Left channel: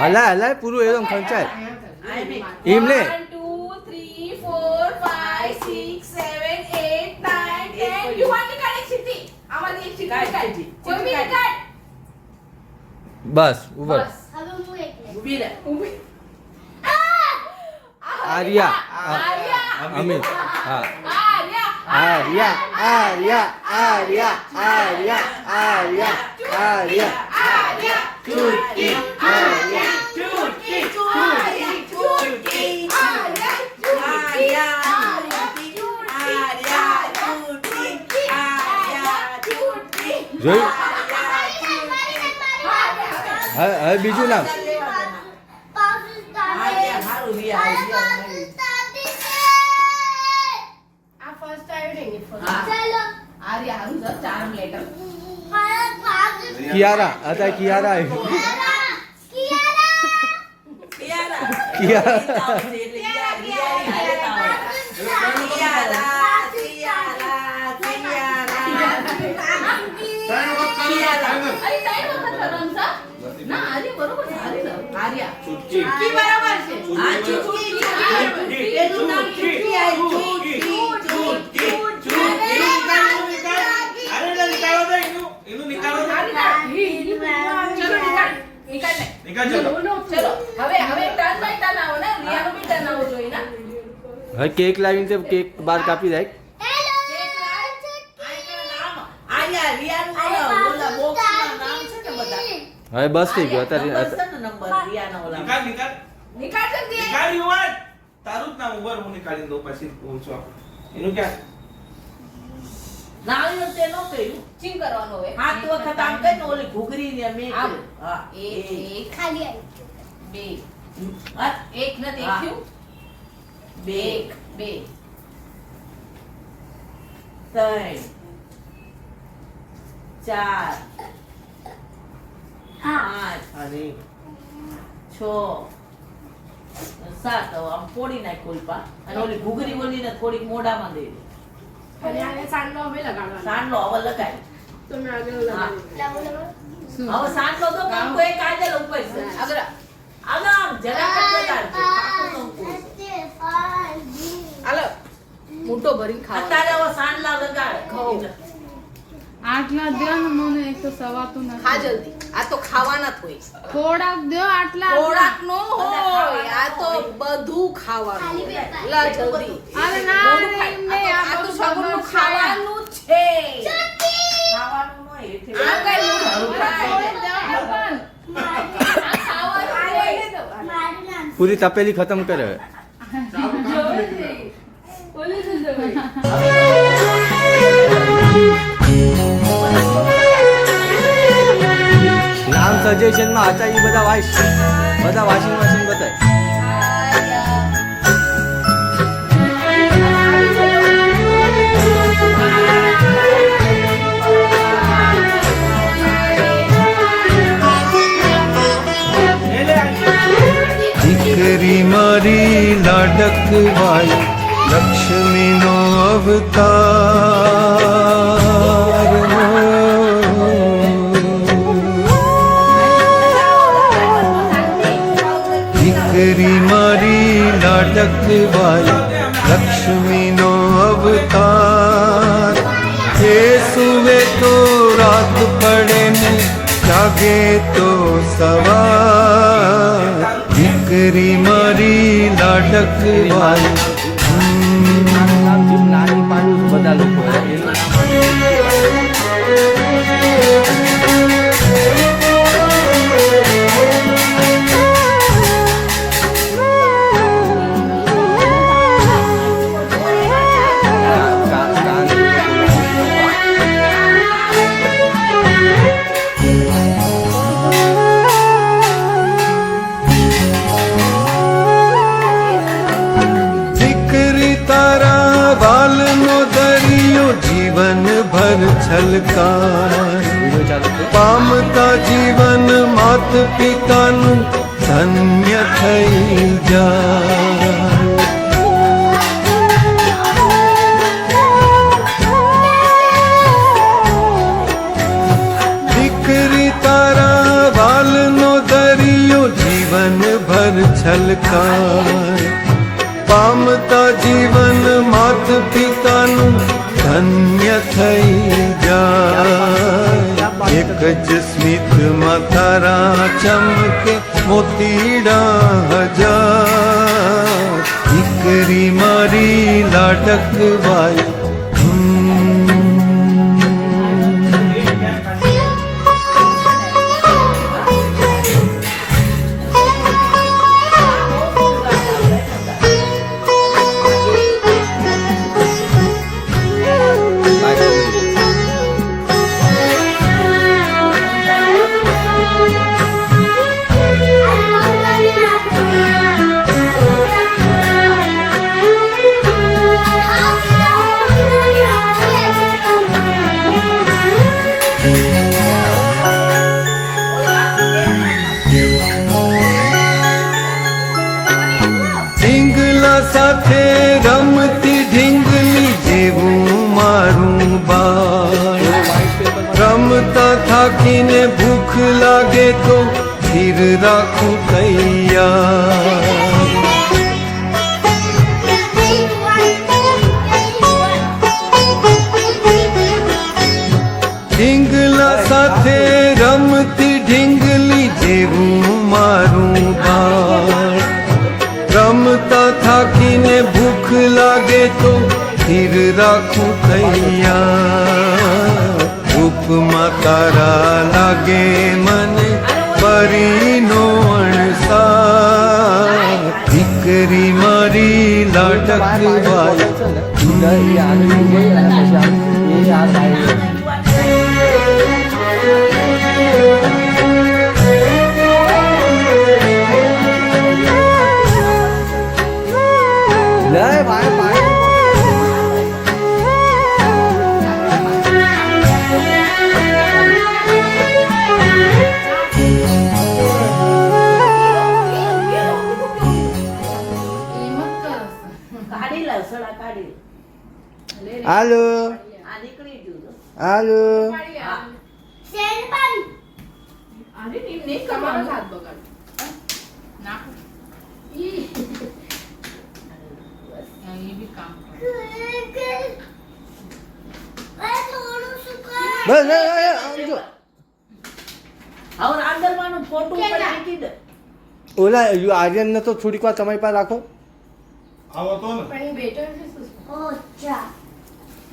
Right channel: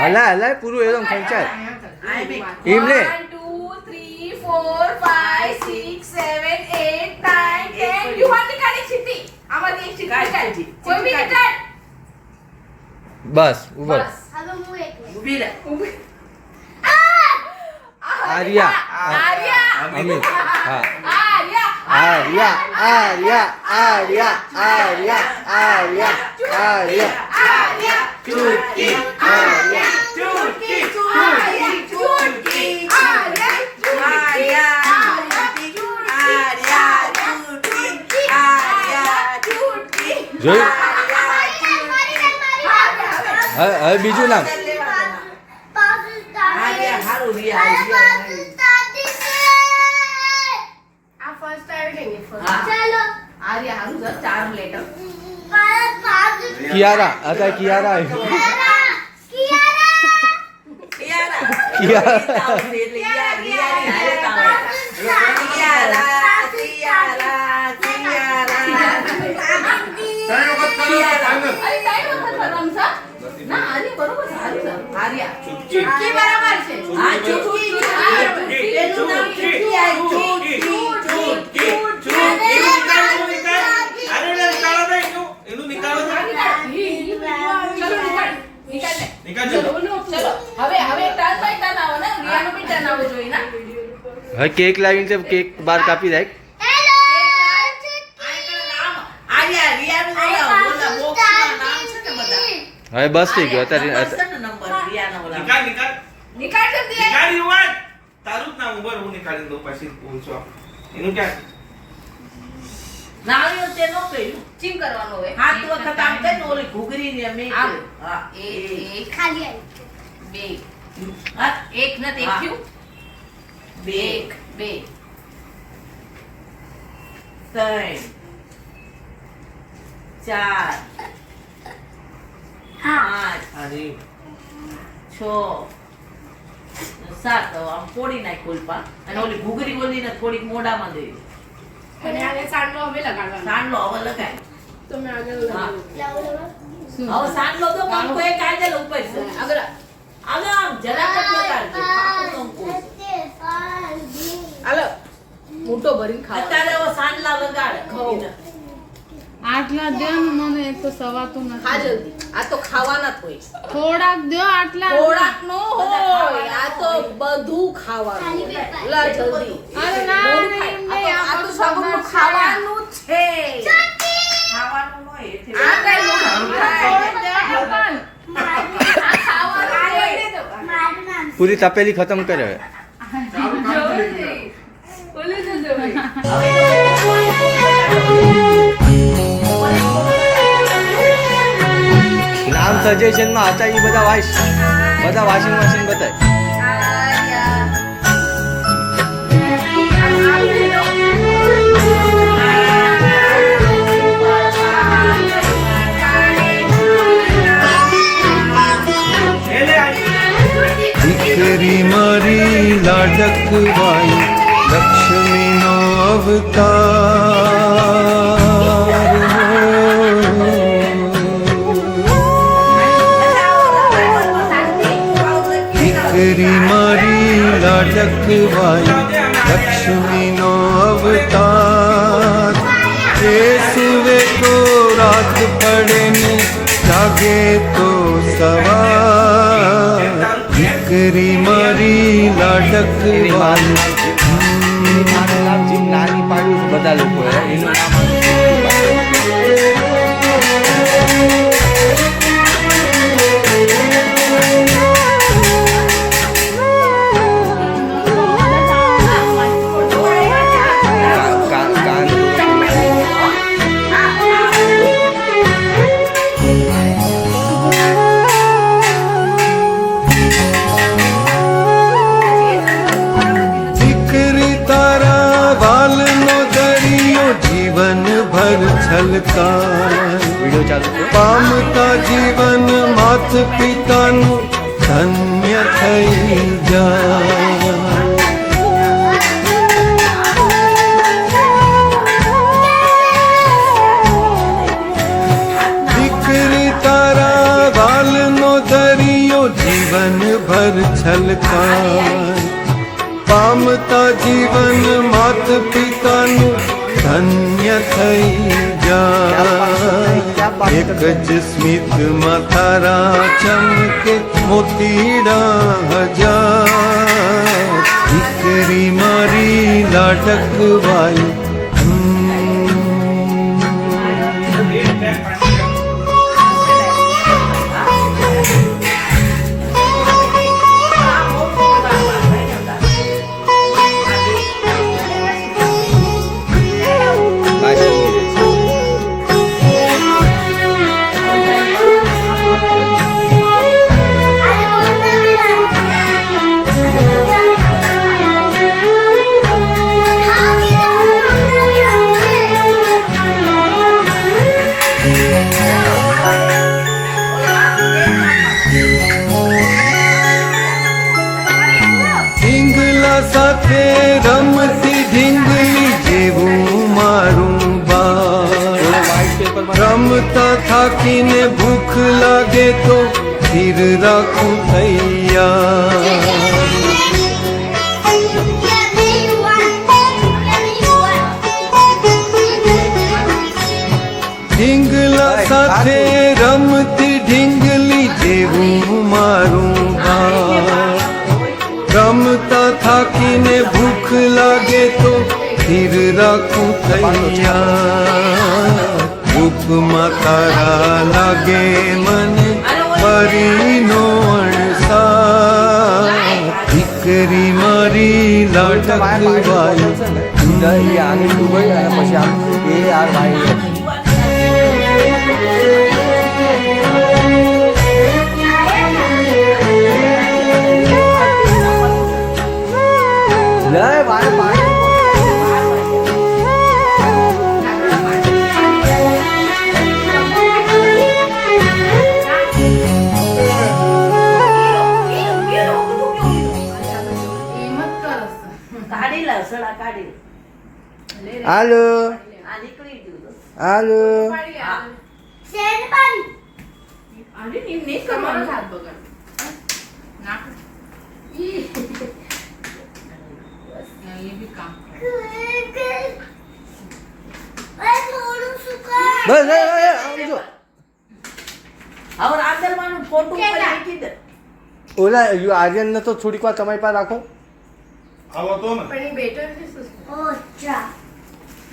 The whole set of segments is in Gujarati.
હલા હલા પૂરું એકદમ ખંચાય એમ લે 1 2 3 4 5 6 7 8 9 10 યુ વાન્ટ ટુ કાઢી ચીટી આમાંથી એક ચીટી કાઢી કોઈ બી કાઢ બસ ઉપર હવે હું એક ઊભી રહે આર્યા અમિત હા આર્યા આર્યા ચૂટકી આર્યા ચૂટકી જોયું હવે બીજું નામ કિયારા અત્યારે કિયારા ચૂટકી બરાબર છે હા ચૂટકી એનું નામ ચૂટકી હવે કેક લાવીને કેક બાર કાપી દે હવે બસ થઈ ગયો અત્યારે તારું જ નામ ઉભર હું નીકાળી દઉં પછી પૂછો એનું ક્યાં નાળીઓ તે નો કર્યું ચીમ કરવાનો હોય હાથ વખત આમ કરીને ઓલી ઘૂઘરી ને મે હા એક ખાલી આવી બે હા એક ન દેખ્યું બે બે ત્રણ ચાર પાંચ અરે 6 7 આમ પોડી નાખ કોલપા અને ઓલી ઘૂઘરી ઓલી ને થોડીક મોઢામાં દે અને આને સાંડલો હવે લગાડવાનો સાંડલો હવે લગાય તમે આગળ લગાડો હવે સાંડલો તો કંકો એક કાઢેલો ઉપર છે આગળ આમ જરા કટ લગાડજો પાકું કંકો હાલો મોટો ભરી ખાવા અત્યારે હવે સાંડલા લગાડ ઘઉં આટલા દો ને મને એક તો સવાતું ખા નથી. જલ્દી. આ તો ખાવાના જ હોય. થોડાક દો આટલા. થોડાક નો હોય. આ તો બધું ખાવાનું હોય. લા જલ્દી. અરે ના મોઢું રે, ખાય. એમ નહીં, આ આ તો બધું સગવડનું ખબર છે. ખાવાનું છે. ખાવાનું નો એ છે. આ કઈ મોઢું ખાય. થોડુંક દેવાનું પણ. આ ખાવાનું હોય. મારું નામ પૂરી તપેલી ખતમ કરે હવે. બોલી દેજો ભાઈ. નામ સજેશનમાં હતા એ બધા વોશિંગ મશીન બતાય. લે લે આજી. દીકરી મારી લાડકવાઈ લક્ષ્મીનો અવતાર દીકરી મારી લાડકવાઈ લક્ષ્મીનો અવતાર એ સુવે તો રાત પડે ને જાગે તો સવાર દીકરી મારી લાડકવાઈ નાની પાડ્યું બધા લોકો એનું નામ દીકરી તારા વાલનો દરિયો જીવન ભર છલકાય વિડીયો ચાલુ છે. પામતા જીવન માત પિતાનું ધન્ય થઈ જાય દીકરી તારા વાલનો દરિયો જીવન ભર છલકાય પામતા જીવન માત પિતાનું ધન્ય થઈ જાય એક જ સ્મિતમાં તારા ચમકે મોતીડા હજાર દીકરી મારી લાડકવાઈ ઢીંગલા સાથે રમતી ઢીંગલી જેવું મારું બાળ રમતા થાકીને ભૂખ લાગે તો ધીર રાખું તૈયાર ઢીંગલા સાથે રમતી ઢીંગલી જેવું મારું બાળ રમતા થાકીને ભૂખ લાગે તો ધીર રાખું તૈયાર રૂપમાં તારા લાગે મને પરીનો અણસાર દીકરી મારી લાડકવાઈ કાઢી લે સડા કાઢી લે. હાલો આ નીકળી ગયું તો. હાલો સેન્ડ પાડી. આને નહીં તમારો હાથ બગાડ. નાખ. એ બી કામ કરે. થોડું સુકાય. બસ આમ જો હવે આંદરવાનું ફોટો ઉપર મૂકી દે. ઓલા આર્યનને તો થોડીક વાર તમારી પાસે રાખો. આવો તો ને પણ એ બેટર છે શું? ઓછા.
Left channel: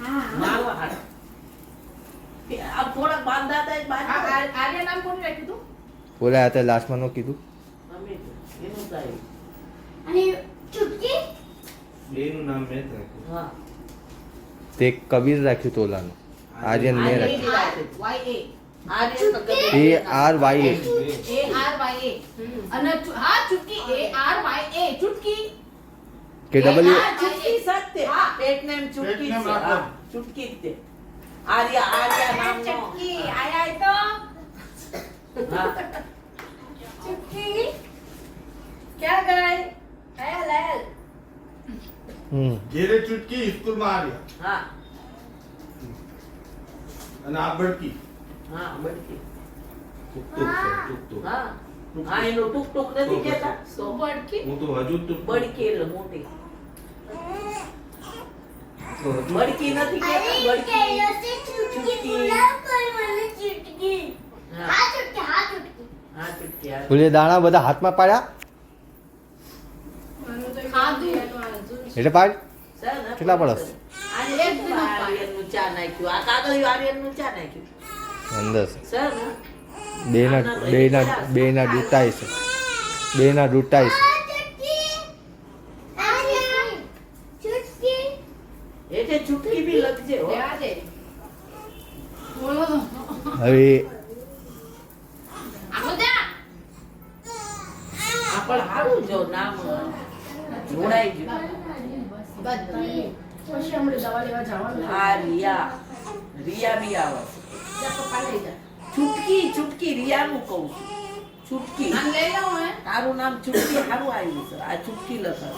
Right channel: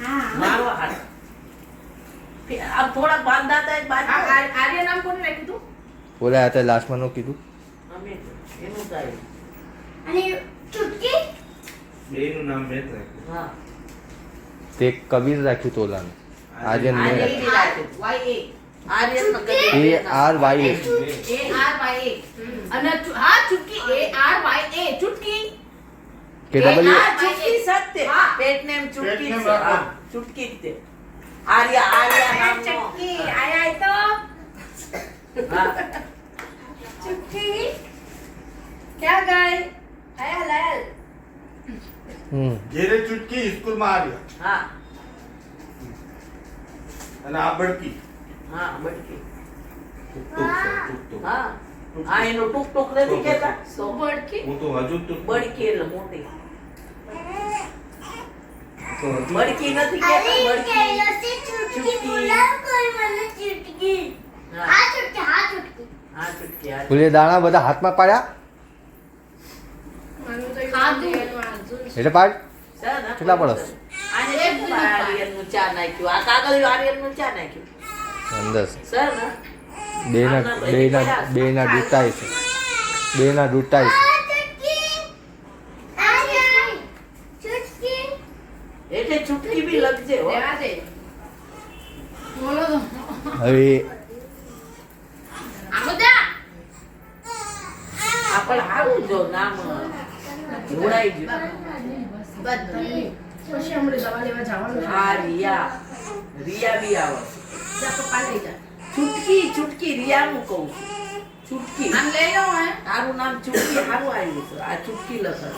હા. મારવા હાથ. આ થોડાક બાંધાતા જ બાંધો. આર્ય નામ કોને રાખ્યું તું? ઓલા આ તે લાસ્ટમાં નો કીધું. અમે એનું થાય. અને ચૂટકી. બેનું નામ મેં જ રાખ્યું. હા. તે કબીર રાખ્યું તો ઓલાનું. આર્યન મેં રાખ્યું. આર્યન તો કદી ARYA. ARYA. અને હા ચુટકી ARYA ચુટકી. કે ડબલ આ ચૂટકી સત્ય. હા. પેટને એમ ચૂટકી પેટને છે. નાખો. હા, ચૂટકી જ તે. આર્યા નામનો. ચટકી આયા તો હા. ચુટકી ક્યાં ગઈ? આયા લાલ. ઘેરે ચૂટકી સ્કૂલમાં આવ્યા હા. અને આ બળકી હા, બળકી. ટુક ટુક છે, ટુક ટુક. હા. હા, એનું ટૂંક ટૂંક નથી કહેતા? તો બડકી હું તો હજુ ટુક ટુક. બળકી એટલે મોટી. તો હજુ બળકી નથી કહેતા? બળકી. હા. હા, ચૂટકી. હા. ઓલે દાણા બધા હાથમાં પાડ્યા ખાધું. એટલે પાડ. સર, ના કેટલા પડે, પડે? સર. આને શું આર્યનનું ચા નાખ્યું? આ કાગળિયું આર્યનનું ચા નાખ્યું. અંદર સર, ને? બેના દૂતાય છે. બેના દૂતાય છે. એટલે ચૂટકી બી લખજે હો. લેવા દે. બોલો તો હવે આમ જા. આ પણ સારું જો નામ જોડાઈ ગયું. બધી પછી હમણાં દવા લેવા જવાનું છે. આ રિયા. રિયા બી આવે. જા પપ્પા લઈ જા. ચૂટકી રિયાનું કહું છું. ચૂટકી. આમ લઈ લો હે. તારું નામ ચૂટકી સારું આવ્યું છે. આ ચૂટકી લખે.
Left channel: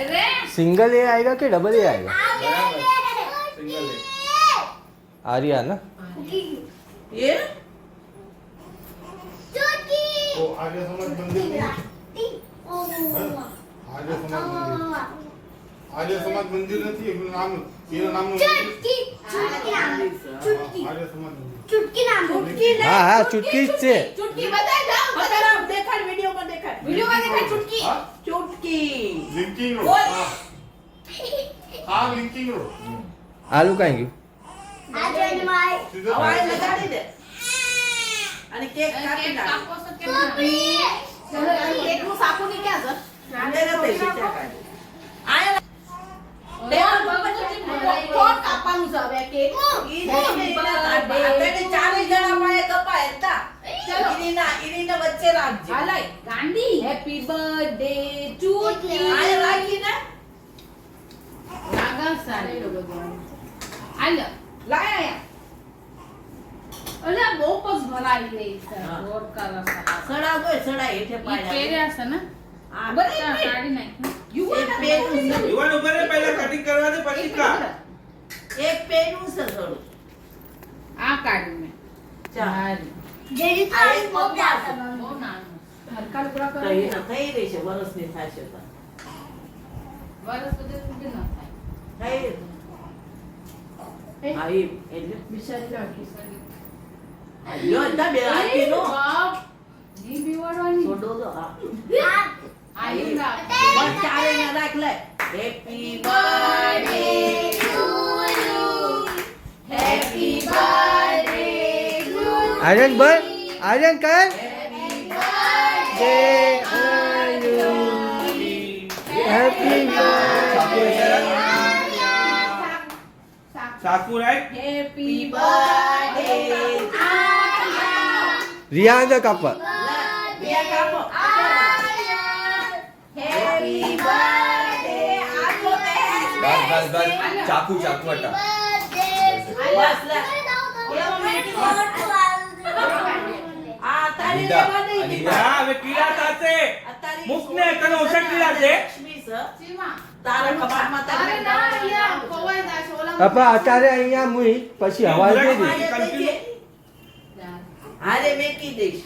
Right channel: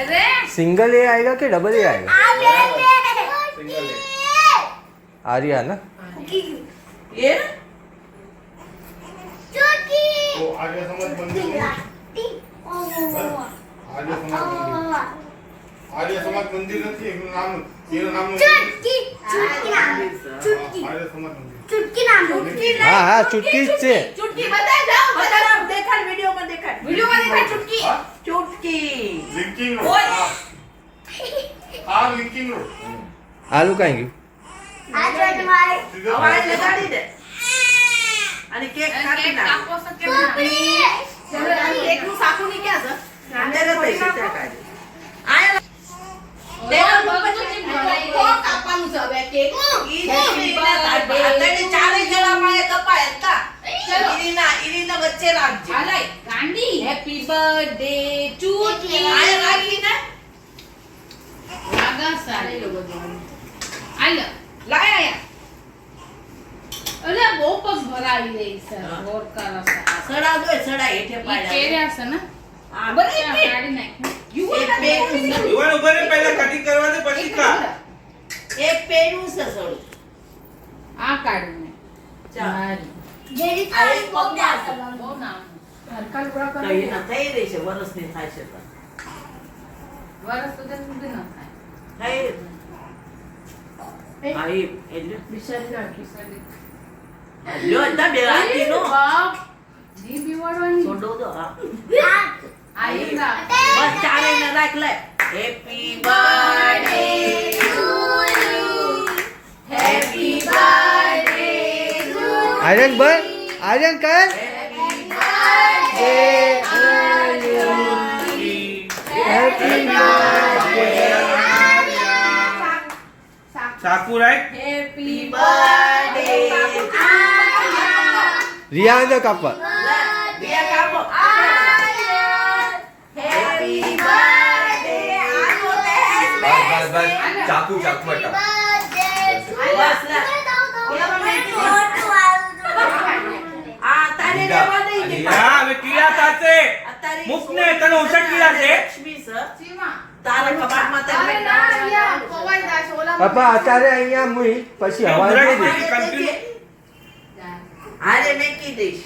અરે સિંગલ એ આएगा કે ડબલ એ आएगा? સિંગલ લે. आर्या ना. એ તો આર્ય સમાજ મંદિર નહીં? આર્ય સમાજ મંદિર. આર્ય સમાજ મંદિર નથી એનું નામ એનું નામ આર્ય સમાજ મંદિર. ચુટકી હા હા ચૂટકી જ છે. ચુટકી બતાઈ જાઓ. બતાવ, દેખાડ વિડીયોમાં દેખાડ. વિડિયોમાં દેખાય ચુટકી. ચૂટકી. Linking road. ઓય. આ લિંકિંગ રોડ. આલુ કાંઈ ગયું? સીધો હવે આ લગાડી દે. અને કેક કાપી નાખ. કાપો છો કેમ ના? ચલો આ કેકનું સાકું ની ક્યાં છે? અંદર જ પૈસે ત્યાં કાઢી. આયા. કોણ કાપવાનું છે હવે કેક? ઈ નથી, આતડી ચારે જણામાં એ કપાય હતા. ચલો. ઈરીના વચ્ચે રાખજે. હાલાય ગાંડી હેપી બર્થડે ચુટકી. આયા રાખીને લાગા સારી લો બધું. આલે લાયા અલે બહુ પગ ભરાવી દે છે હા. ગોર કરો છે સડા દો, સડા હેઠે ઈ પાડ્યા. કેર્યા છે ને આ બરાબર. બધી ત્યાં કાઢી નાખ્યું એક પેનું છે. યુવાન ઉભા રહે, પહેલા કટિંગ કરવા દે પછી કા. એક પેનું છે સડું. આ કાઢીને ચાલ. હારી. આ એક પગમાં છે. બહુ નામ હલકા લુગડા તો કરો. એને થઈ રહી છે, વરસની થાય છે તો. વરસ સુધી ન થાય થઈ રહી. હા, ઈ એટલે. બિચારી નાખી. લ્યો, તા બે હાથી નો. બાપ જી બીવાડવાની છોડો દો, હા. આઈ ના બસ ચારે ને રાખ લે. Happy birthday to you. Happy birthday to Aryan bhai Aryan કર. હેપી સાકુ રાઈટ. Happy birthday. રિયા અંદર કાપવા. બે કાપો. Happy birthday. આજો દે. ચાકુ ચાકુ હટા. બસ લે. આ તારે લેવા નહીં કે હા હવે કીડા થાશે. અત્યારે મુકને તને ઓછા કીડા છે. લક્ષ્મી છે. સીમા તારા કપાટમાં અરે તમે ના રિયા કોવાઈ જાશે ઓલા. અપા અત્યારે અહીંયા મુઈ પછી હવા દે દે. હારે મેકી દઈશ.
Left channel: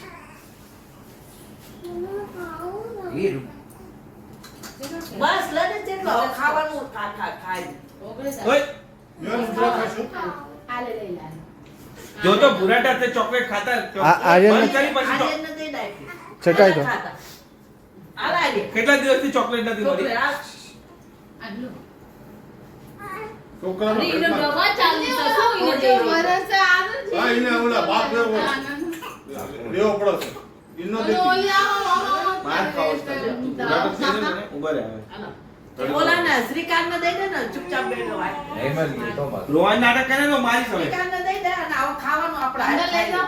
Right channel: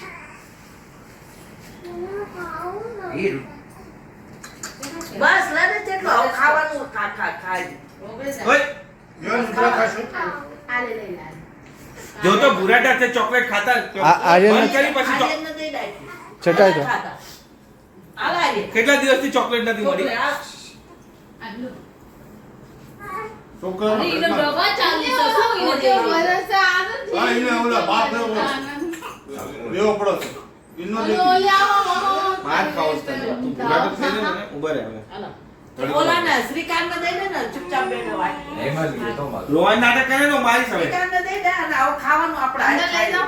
બસ લે ને જેટલો હવે ખાવાનું ખાઈ. ઓગળે જાય ઓય આલે લઈ લે. જો તો ભૂરાટા છે ચોકલેટ ખાતા આર્યન બંધ કરી પછી ચો- આર્યનને દઈ નાખ્યું. ચટાઈ તો. ખાતા. હાલ આર્યન. કેટલા દિવસથી ચોકલેટ નથી મળી છોકરી, હાલ. આટલું. છોકરાનો અરે, એનો પેટમાં- ડબ્બા ચાલુ છે, શું એને ઓછો દેવું? વરસે આવે છે. હા, એને ઓલા બાપ લેવો. લેવો પડે છે. ઈનો અને દેતી. ઓલી આવા માર ખાવો છે. ભૂરાટો થઈ જાય ને, ઊભા રહે હવે. હાલો. ઓલાને શ્રીકાંતને દઈ દે ને ચૂપચાપ બેઠો વાય. રોહન નાટક કરે ને મારી સામે શ્રીકાંતને દઈ દે અને આવો ખાવાનું આપણે અંદર લઈ જાઓ.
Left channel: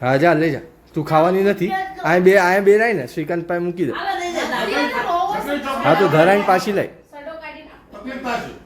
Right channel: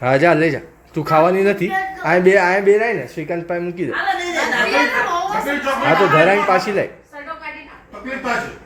હા જા લઈ જા. તું ખાવાની નથી. આ બે રાય ને શ્રીકાંત પાસે મૂકી દે. હાલો દઈ દે. ચકલી ચોકલેટ. હા તો ધરાઈને પાછી લઈ. સડો કાઢી નાખ. ચકલી પાસે.